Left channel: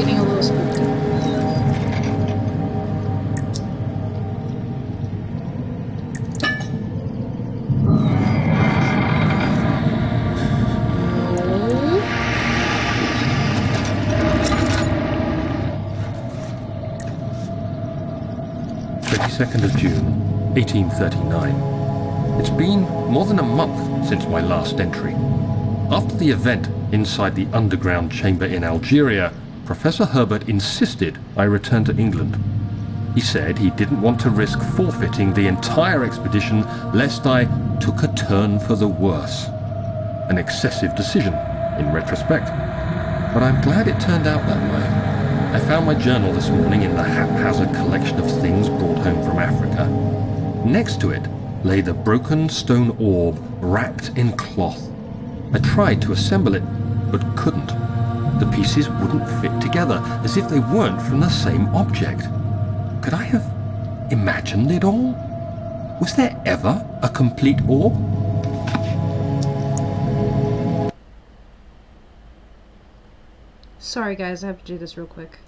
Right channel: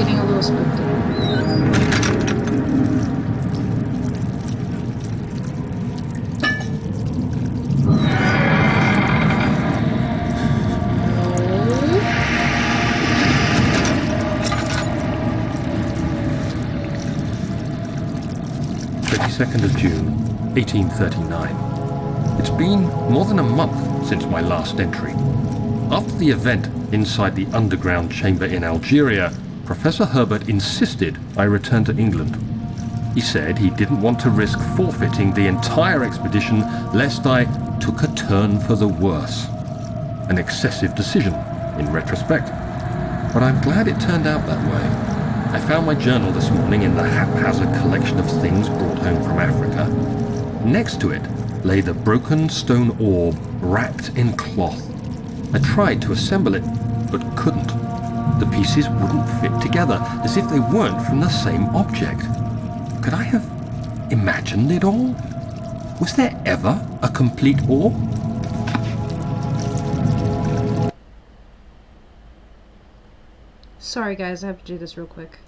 getting a little spooked. Of June, 1839. It's been more than a month since my last entry. After the event inside the underground chamber in Algeria, Professor Herbert insisted I return to England. He said he didn't want to risk forfeiting the entire expedition lest I took a turn for the worse. An excessive decision, in retrospect. But I'm glad it turned out that way. I found my journal this morning in the haphazard collection of things brought home from Africa. Next to it lay the broken stone orb wrapped in cloth. I tried to assemble it, but couldn't. The pieces wouldn't fit together, as if they weren't from the same object. Could I have imagined it all? Was there ever a complete orb? Sorry guys, I have to do this real quick.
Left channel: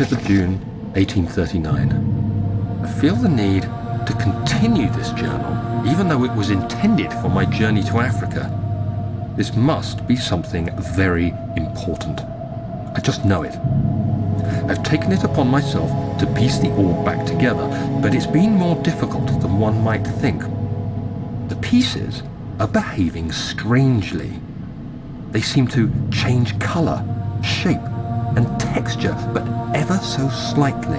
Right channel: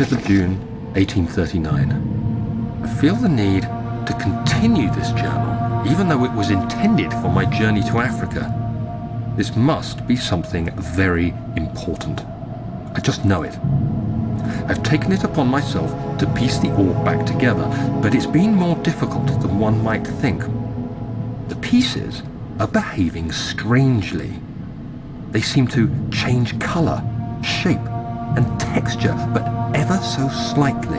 Of June, 1839. I feel the need to continue this journal, even though it was intended for my journey to Africa. This must be something very important. I just know it. I've taken it upon myself to piece the orb back together, but it's been more difficult than one might think. The pieces are behaving strangely. They seem to change color, shape, and texture, but ever so slightly.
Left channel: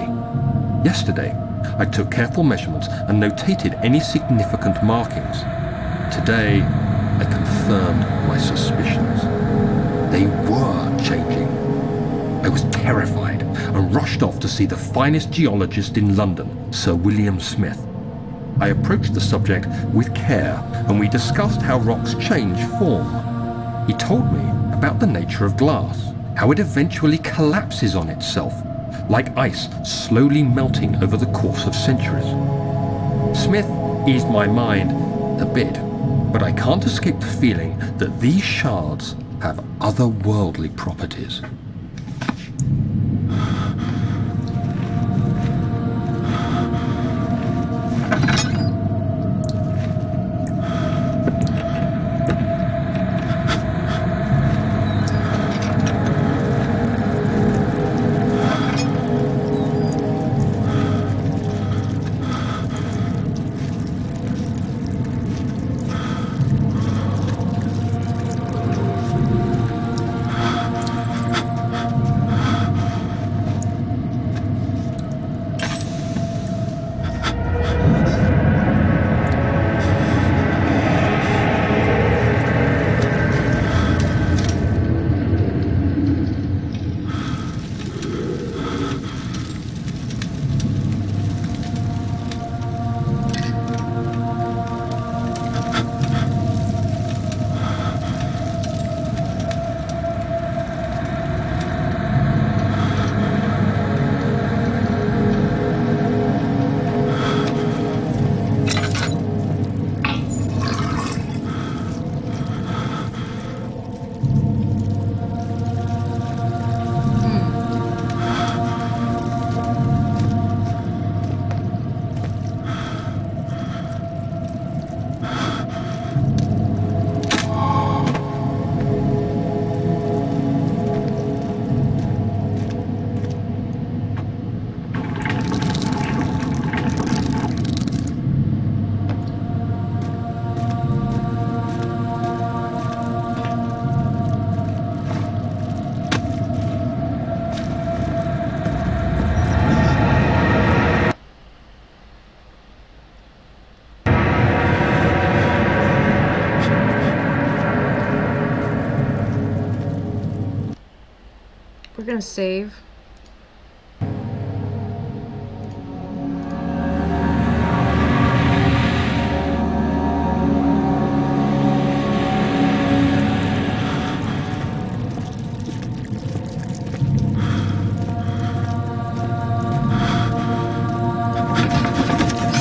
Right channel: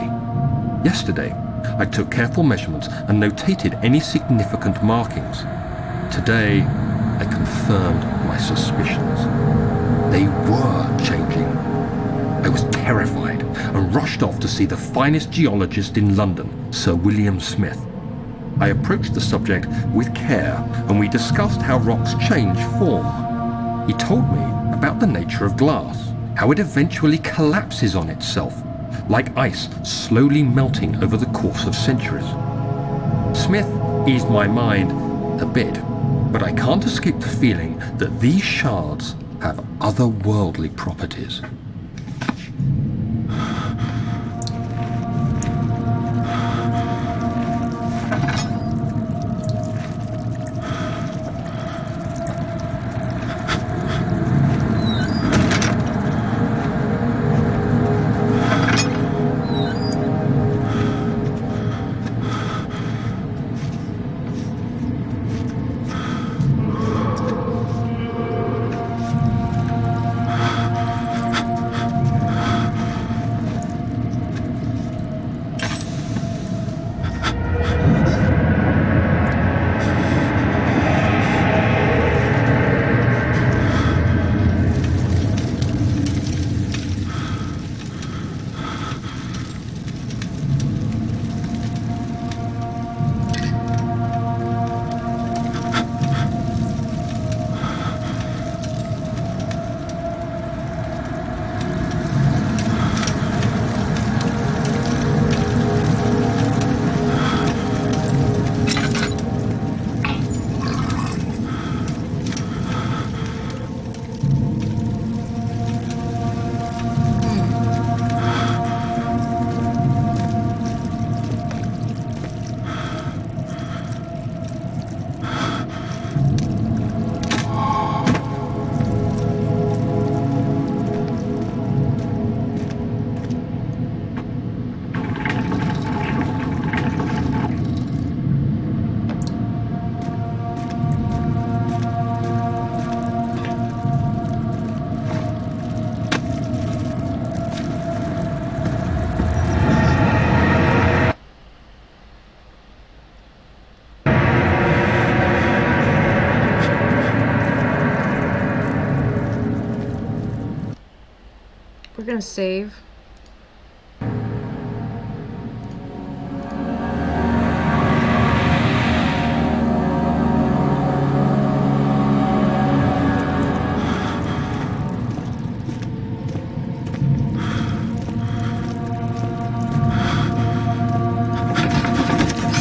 Yesterday, I took careful measurements and notated any significant markings. Today, I confirmed my suspicions. They were changing. I was terrified and rushed off to see the finest geologist in London, Sir William Smith. I approached the subject with care and we discussed how rocks change form. He told me about the nature of glass, how it eventually collapses on itself, like ice slowly melting over the course of centuries. Smith eased my mind a bit, but I can't escape the feeling that these shards have otherworldly properties. We're gonna save.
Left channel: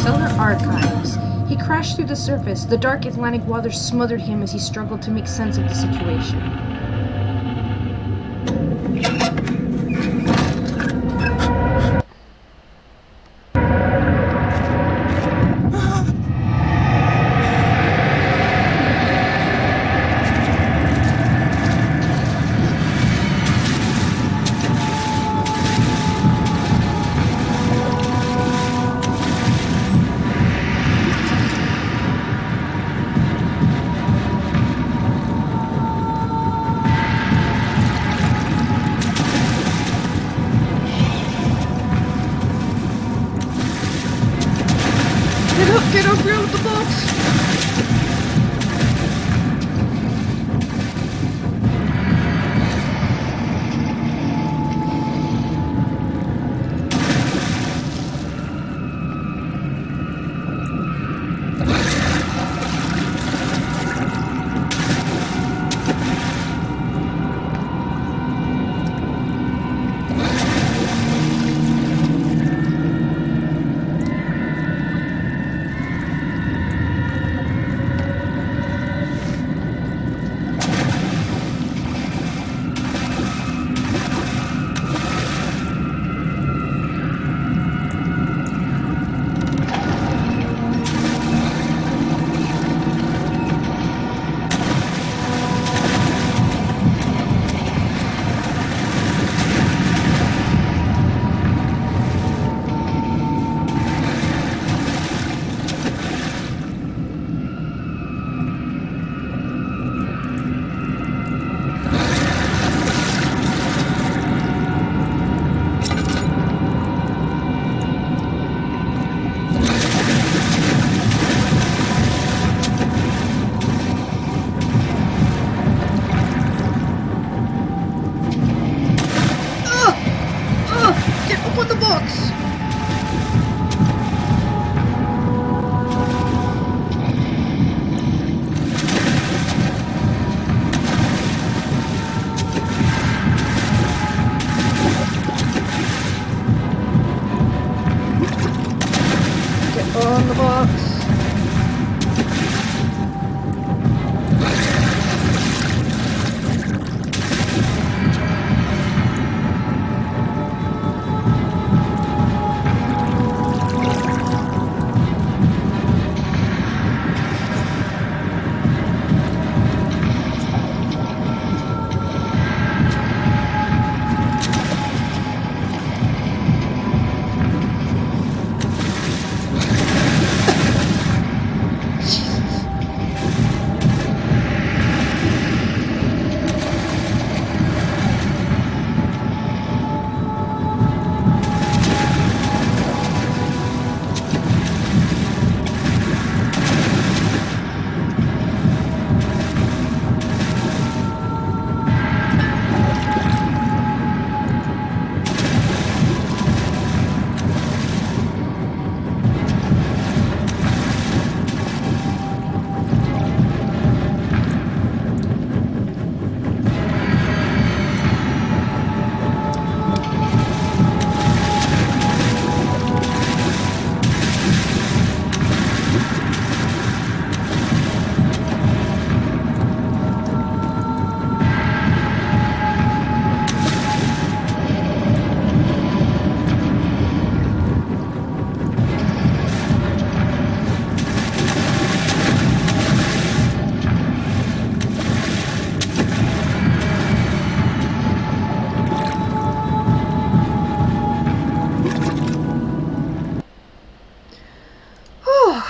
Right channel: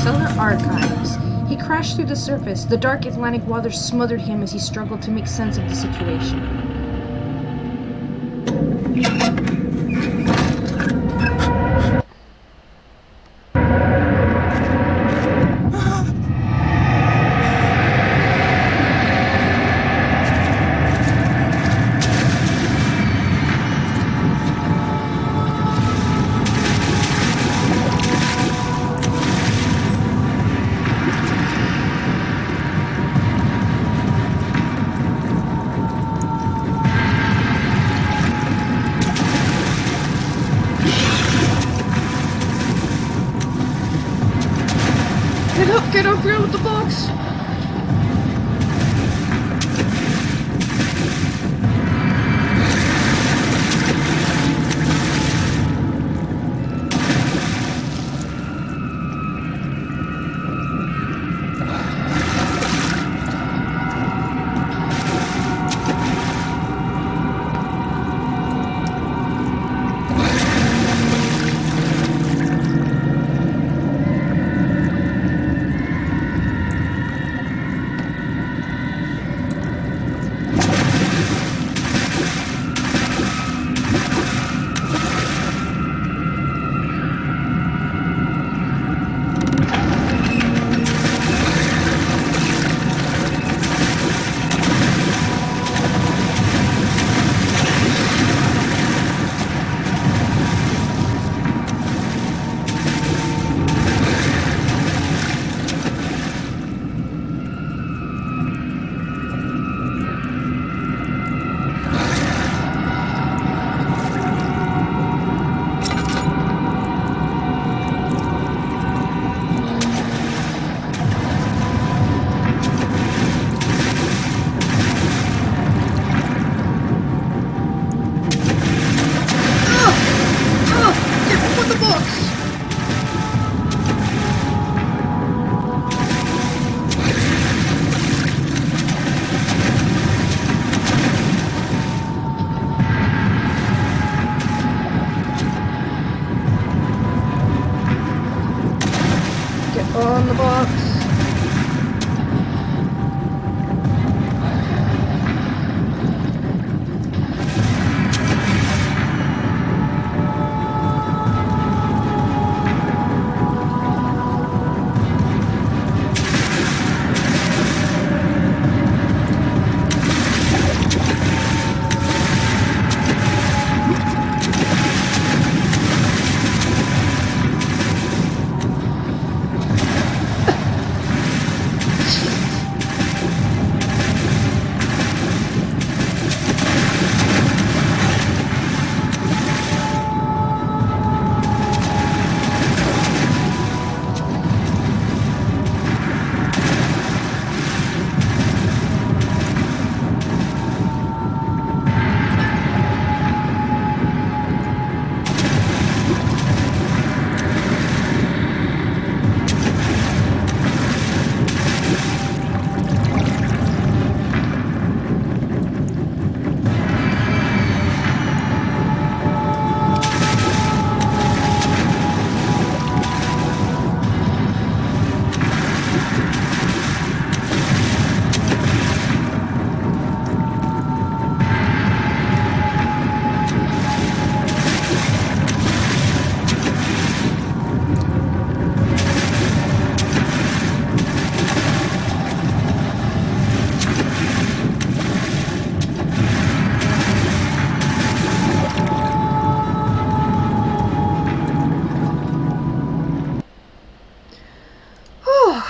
Cellar archives. He crashed through the surface. The dark Atlantic waters smothered him as he struggled to make sense of the situation. Get up here with the box! On the box.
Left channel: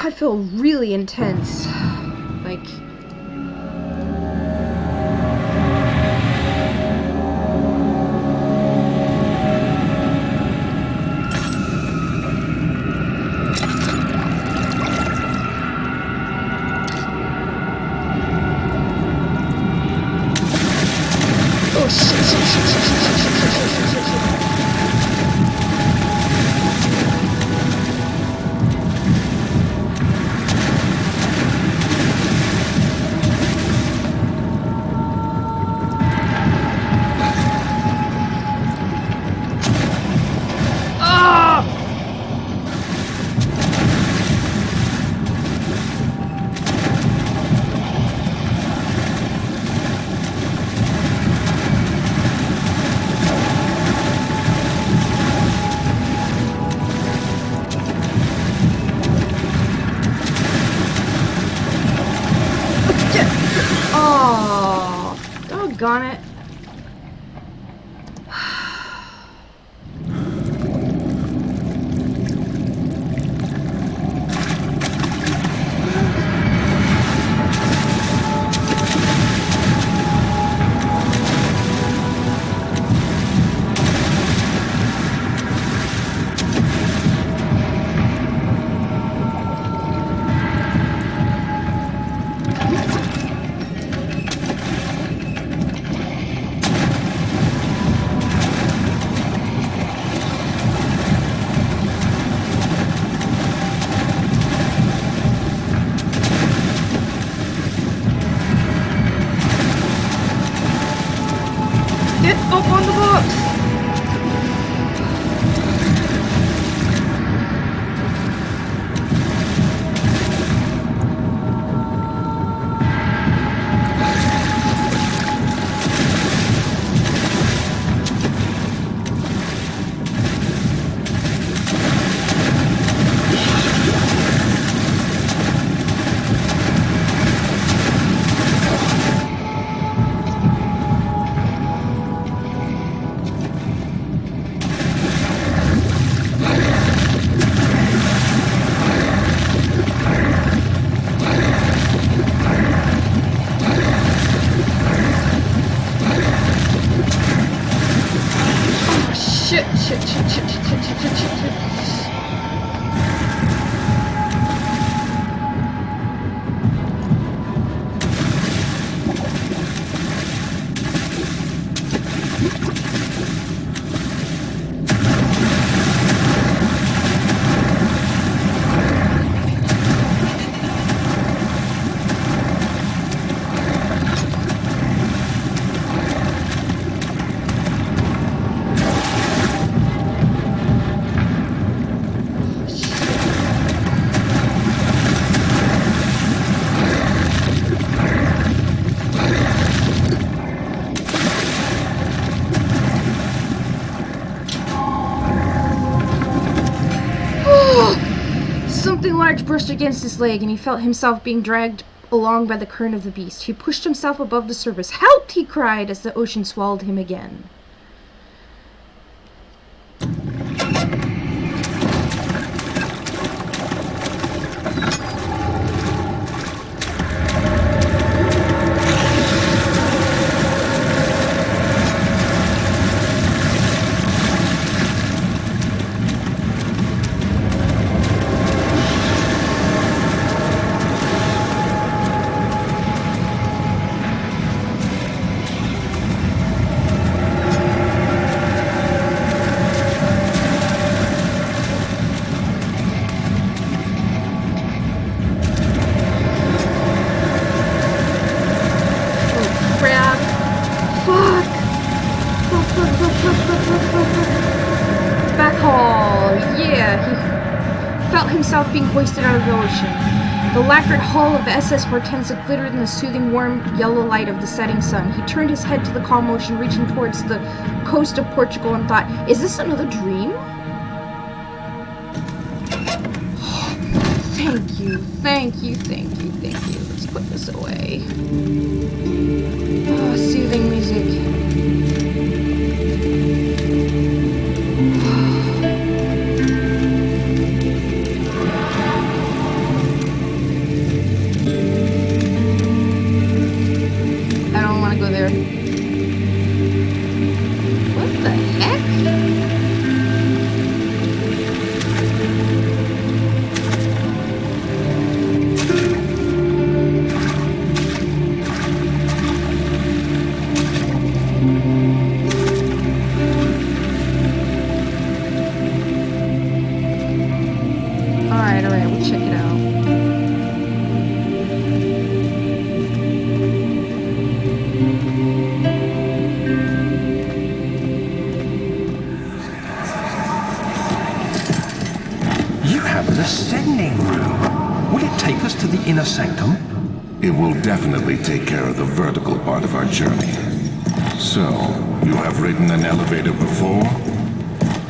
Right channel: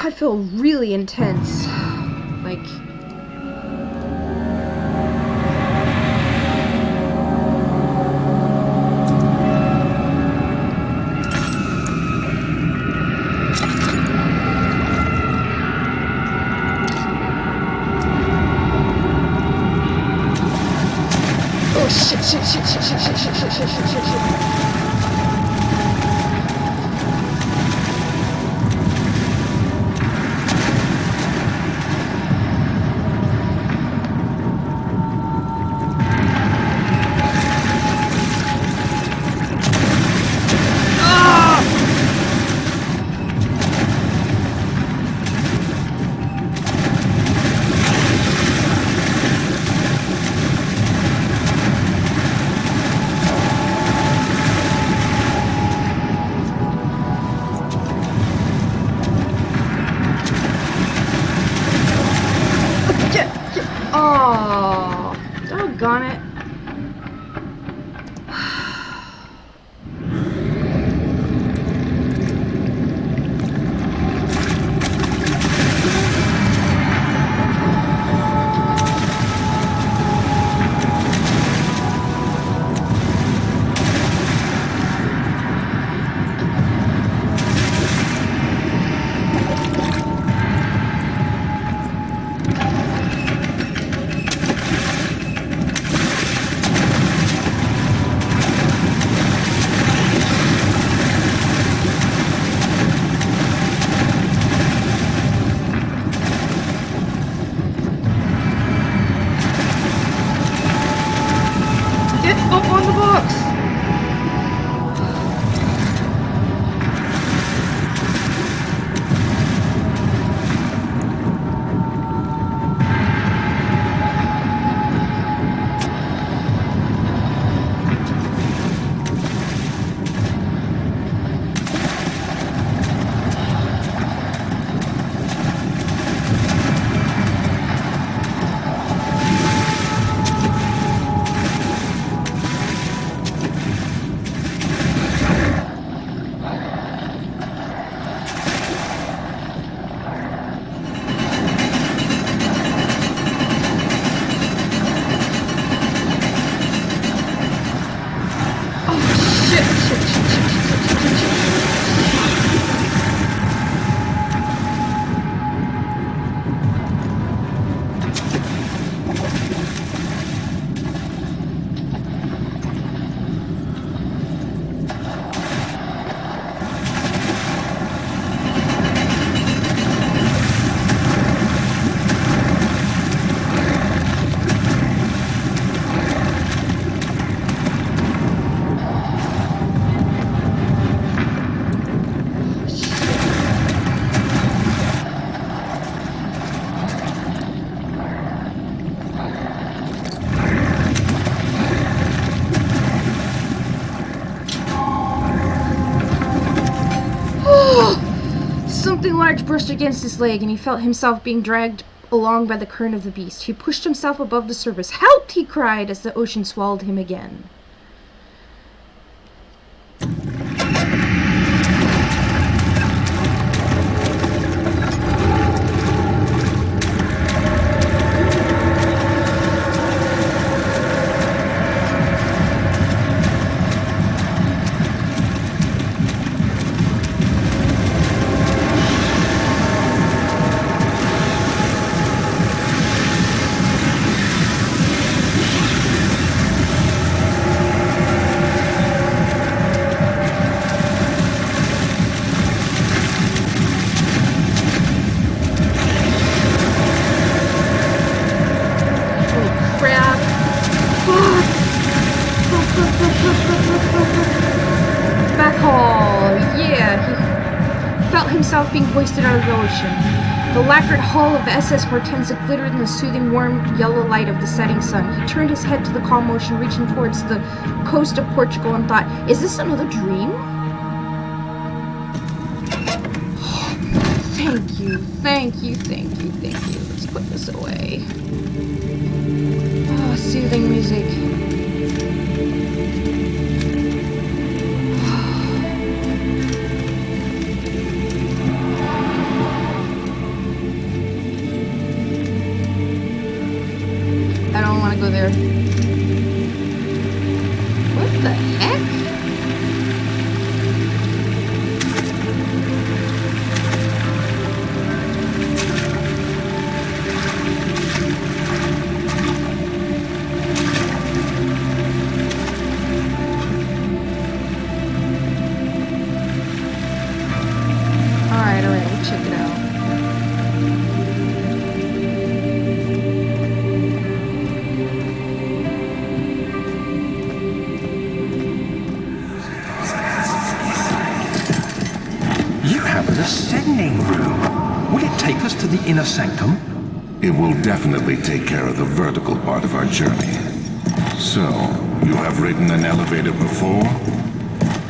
I feel really intense. Like... Oh shit. Get up on the box! Something large brushed against his leg, and he felt himself being dragged along by the current of the beast. He pushed himself above the surface. "Help!" he cried as the ocean swallowed him again. Himself being hoisted out of the ocean. The lacquered hull of the SS Hortense glittered in the soothing, warm yellow light of the setting sun. He turned his head to the calm ocean, reaching towards the coast of Portugal, and thought, "Is this another dream?" Thank you, thank you, thank you, thank you. Let's put this away. Oh, soothing music. I don't want to go there. What the heck? Alright, we'll check it out. Ascending room. Will it take us to the inner sanctum? It will definitely take care of the vertical part of our journey. So, you have ridden an elevator before?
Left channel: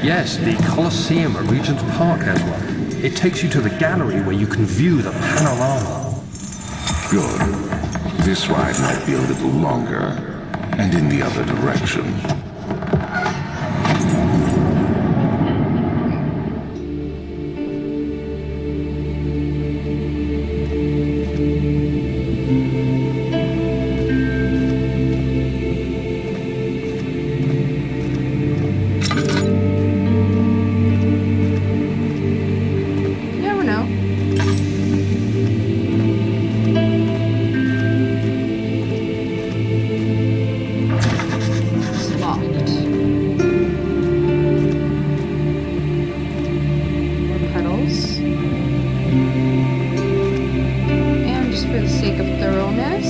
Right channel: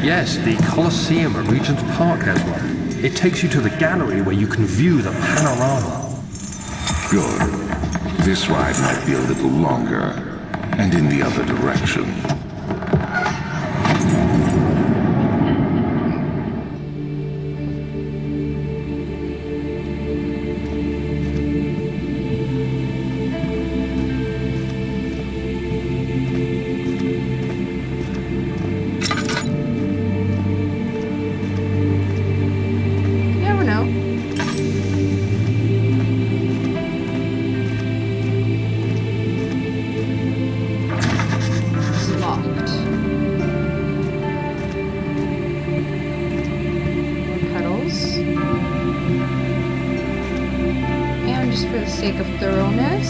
Yes, the Colosseum at Regent's Park has one. It takes you to the gallery where you can view the panorama. Good. This ride might be a little longer, and in the other direction. For the sake of thoroughness.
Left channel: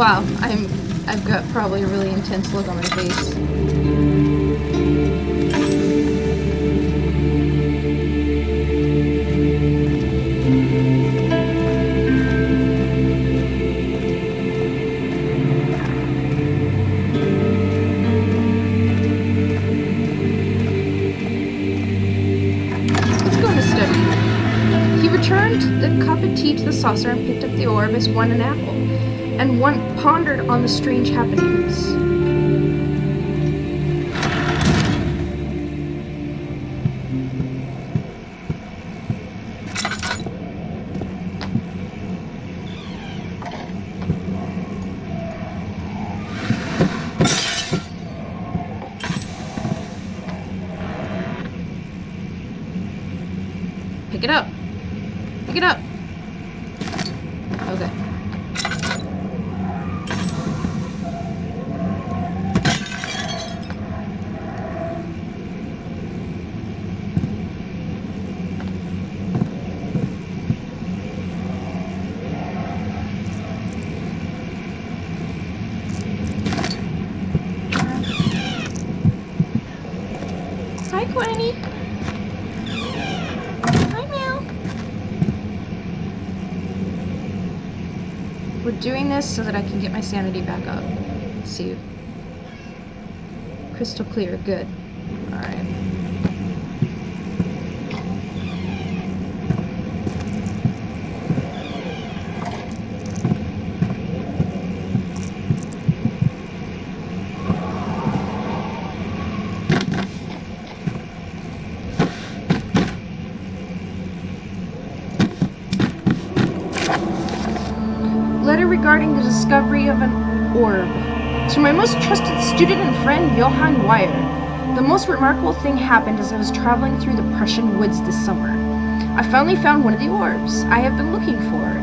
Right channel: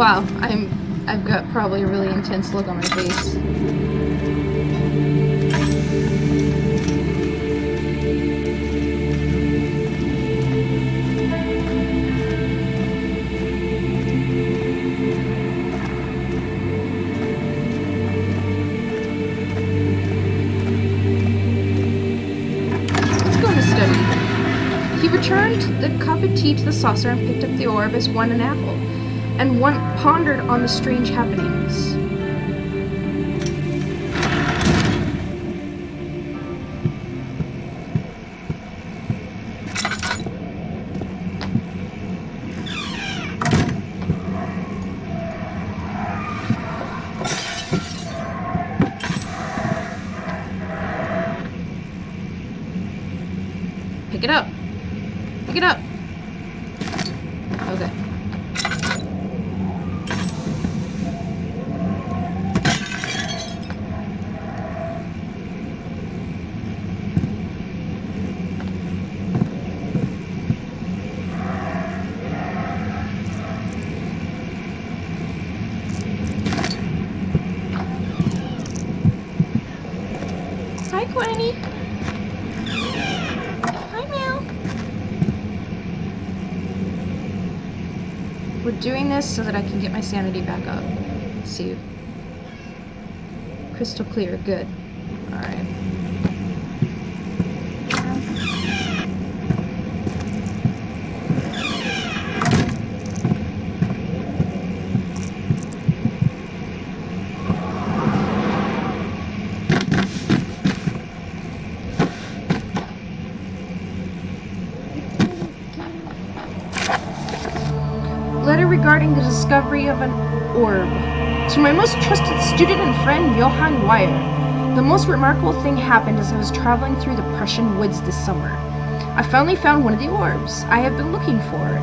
Wow, I've got probably a really intense look on my face. Let's go into study. He returned the cup of tea to the saucer and picked up the orb as one an apple, and one pondered on the strange happenings. Pick it up. Pick it up. Okay. Hi, Quenny. Hi, Meow. We're doing this so that I can get my sanity back up. Let's see. Crystal clear. Good. Alright. Letter regarding the discovery of an orb. To my most trusted student and friend, Johann Weyer. The most remarkable thing happened as I was traveling through the Prussian woods this summer. I finally found one of the orbs I have been looking for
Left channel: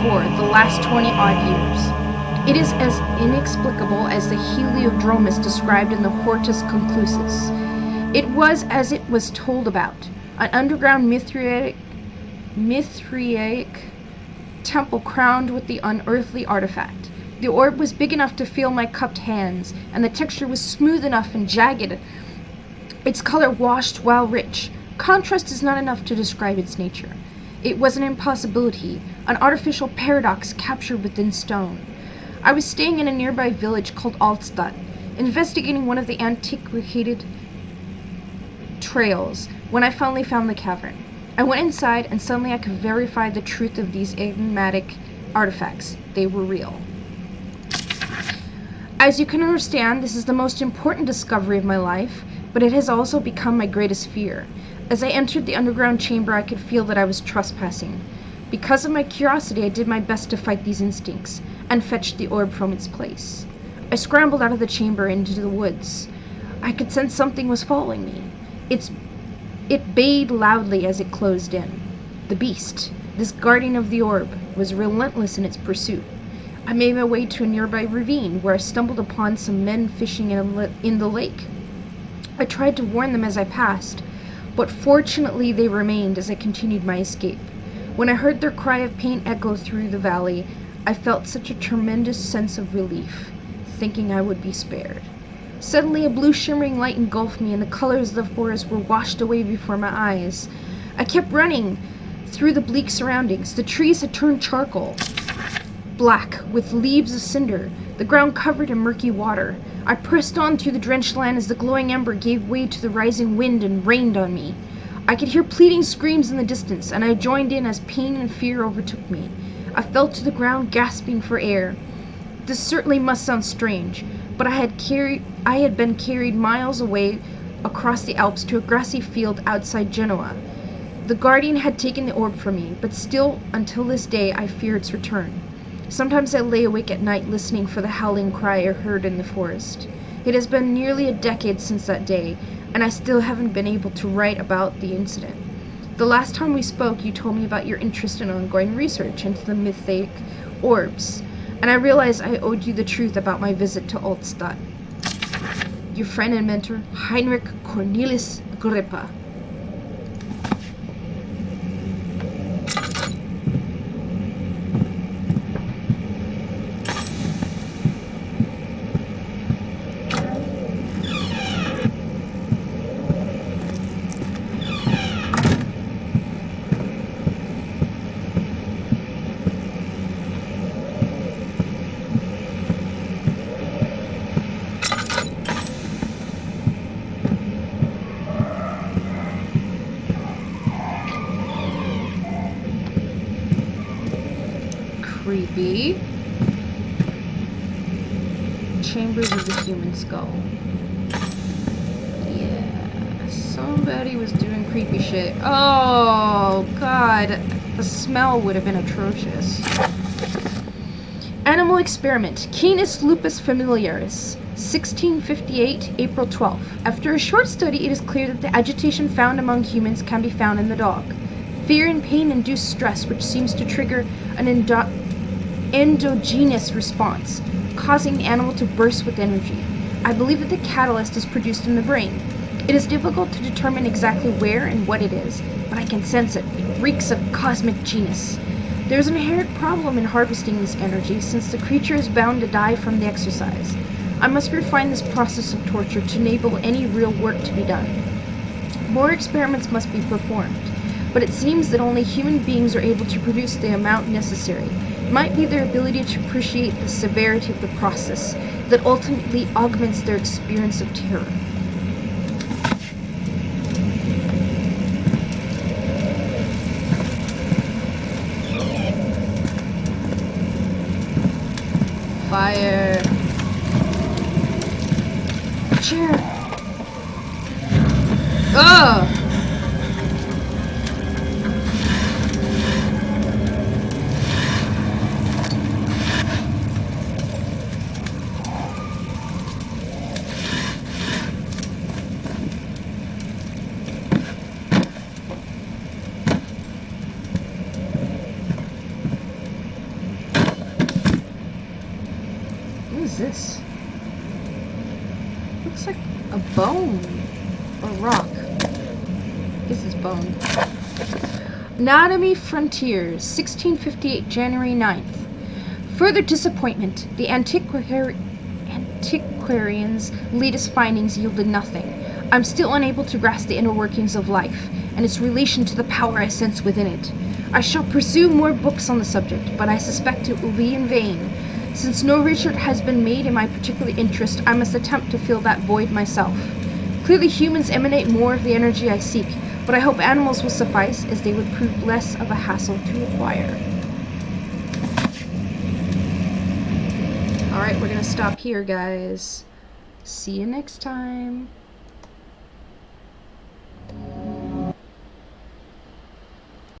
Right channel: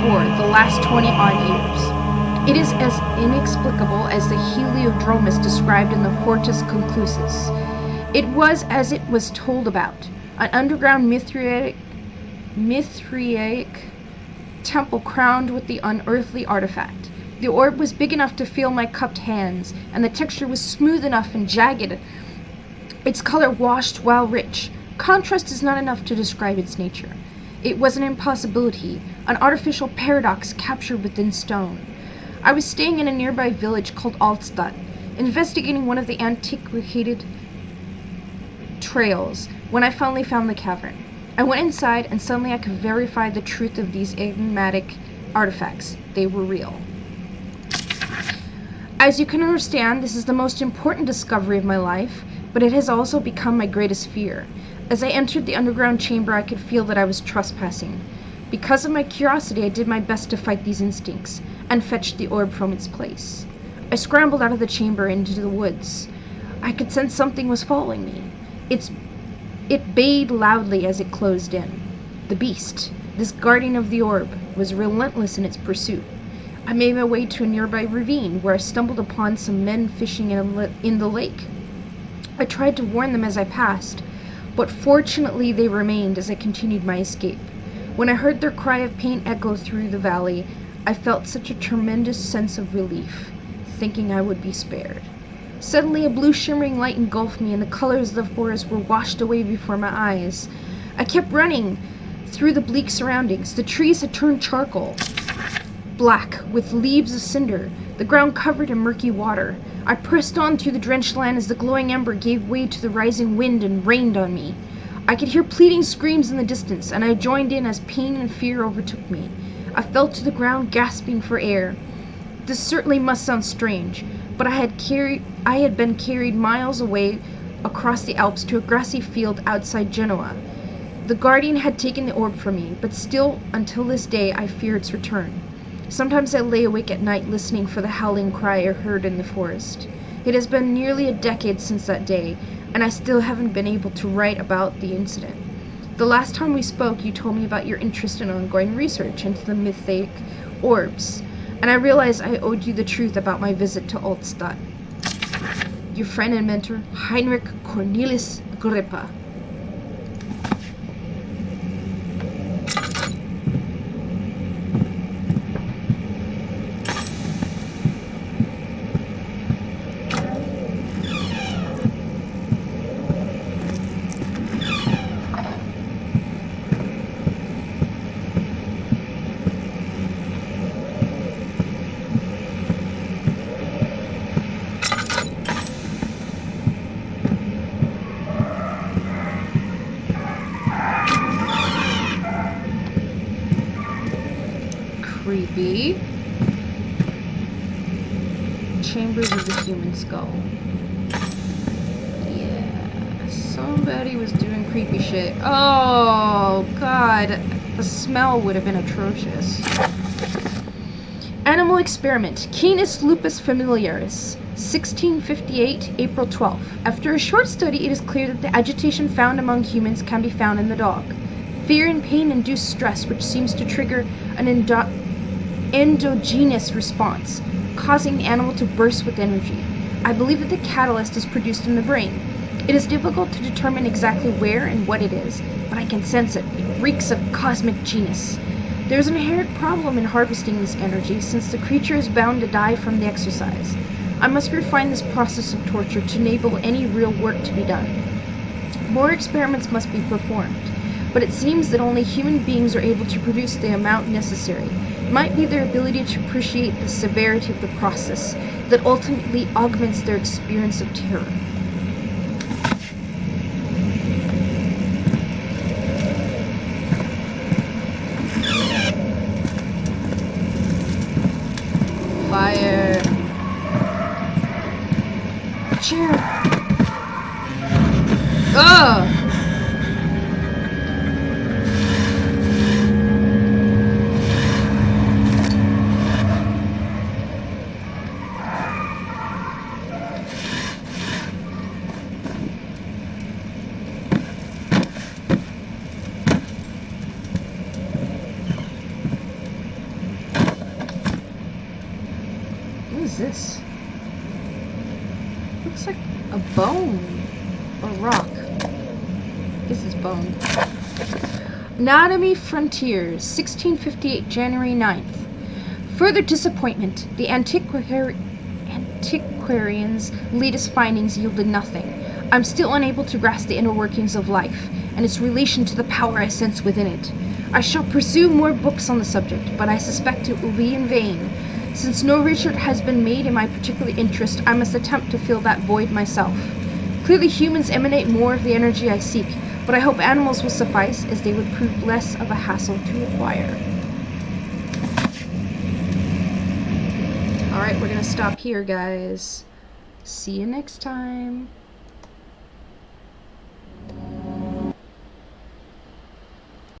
the last 20-odd years. It is as inexplicable as the Heliodromus described in the Hortus Conclusus. It was as it was told about, an underground Mithraic temple crowned with the unearthly artifact. The orb was big enough to feel my cupped hands, and the texture was smooth enough and jagged. Its color washed while rich. Contrast is not enough to describe its nature. It was an impossibility, an artificial paradox captured within stone. I was staying in a nearby village called Altstadt, investigating one of the antiquated trails, when I finally found the cavern. I went inside, and suddenly I could verify the truth of these enigmatic artifacts. They were real. As you can understand, this is the most important discovery of my life, but it has also become my greatest fear. As I entered the underground chamber, I could feel that I was trespassing. Because of my curiosity, I did my best to fight these instincts, and fetched the orb from its place. I scrambled out of the chamber into the woods. I could sense something was following me. It bayed loudly as it closed in. The beast, this guardian of the orb, was relentless in its pursuit. I made my way to a nearby ravine, where I stumbled upon some men fishing in the lake. I tried to warn them as I passed, but fortunately they remained as I continued my escape. When I heard their cry of pain echo through the valley, I felt such a tremendous sense of relief, thinking I would be spared. Suddenly a blue shimmering light engulfed me, and the colors of the forest were washed away before my eyes. I kept running through the bleak surroundings. The trees had turned charcoal, black, with leaves of cinder, the ground covered in murky water. I pressed on through the drenched land as the glowing ember gave way to the rising wind and rained on me. I could hear pleading screams in the distance, and I joined in as pain and fear overtook me. I fell to the ground, gasping for air. This certainly must sound strange, but I had been carried miles away across the Alps to a grassy field outside Genoa. The guardian had taken the orb from me, but still, until this day, I fear its return. Sometimes I lay awake at night listening for the howling cry I heard in the forest. It has been nearly a decade since that day, and I still haven't been able to write about the incident. The last time we spoke, you told me about your interest in ongoing research into the mythic orbs, and I realized I owed you the truth about my visit to Altstadt. Your friend and mentor, Heinrich Cornelis Agrippa. creepy. Chambers of the human skull. Yeah, somebody was doing creepy shit. Oh, God. The smell would have been atrocious. Animal experiment. Canis lupus familiaris. 1658, April 12th. After a short study, it is clear that the agitation found among humans can be found in the dog. Fear and pain induce stress, which seems to trigger an endogenous response, causing the animal to burst with energy. I believe that the catalyst is produced in the brain. It is difficult to determine exactly where and what it is, but I can sense it. It reeks of cosmic genius. There is an inherent problem in harvesting this energy, since the creature is bound to die from the exercise. I must refine this process of torture to enable any real work to be done. More experiments must be performed, but it seems that only human beings are able to produce the amount necessary. It might be their ability to appreciate the severity of the process that ultimately augments their experience of terror. Fire. Chair. Ugh. What is this? Looks like a bone or rock. This is bone. Anatomy Frontiers, 1658, January 9th. Further disappointment. The antiquarian's latest findings yielded nothing. I'm still unable to grasp the inner workings of life and its relation to the power I sense within it. I shall pursue more books on the subject, but I suspect it will be in vain. Since no research has been made in my particular interest, I must attempt to fill that void myself. Clearly humans emanate more of the energy I seek, but I hope animals will suffice, as they would prove less of a hassle to acquire. Alright, we're gonna stop here, guys. See you next time.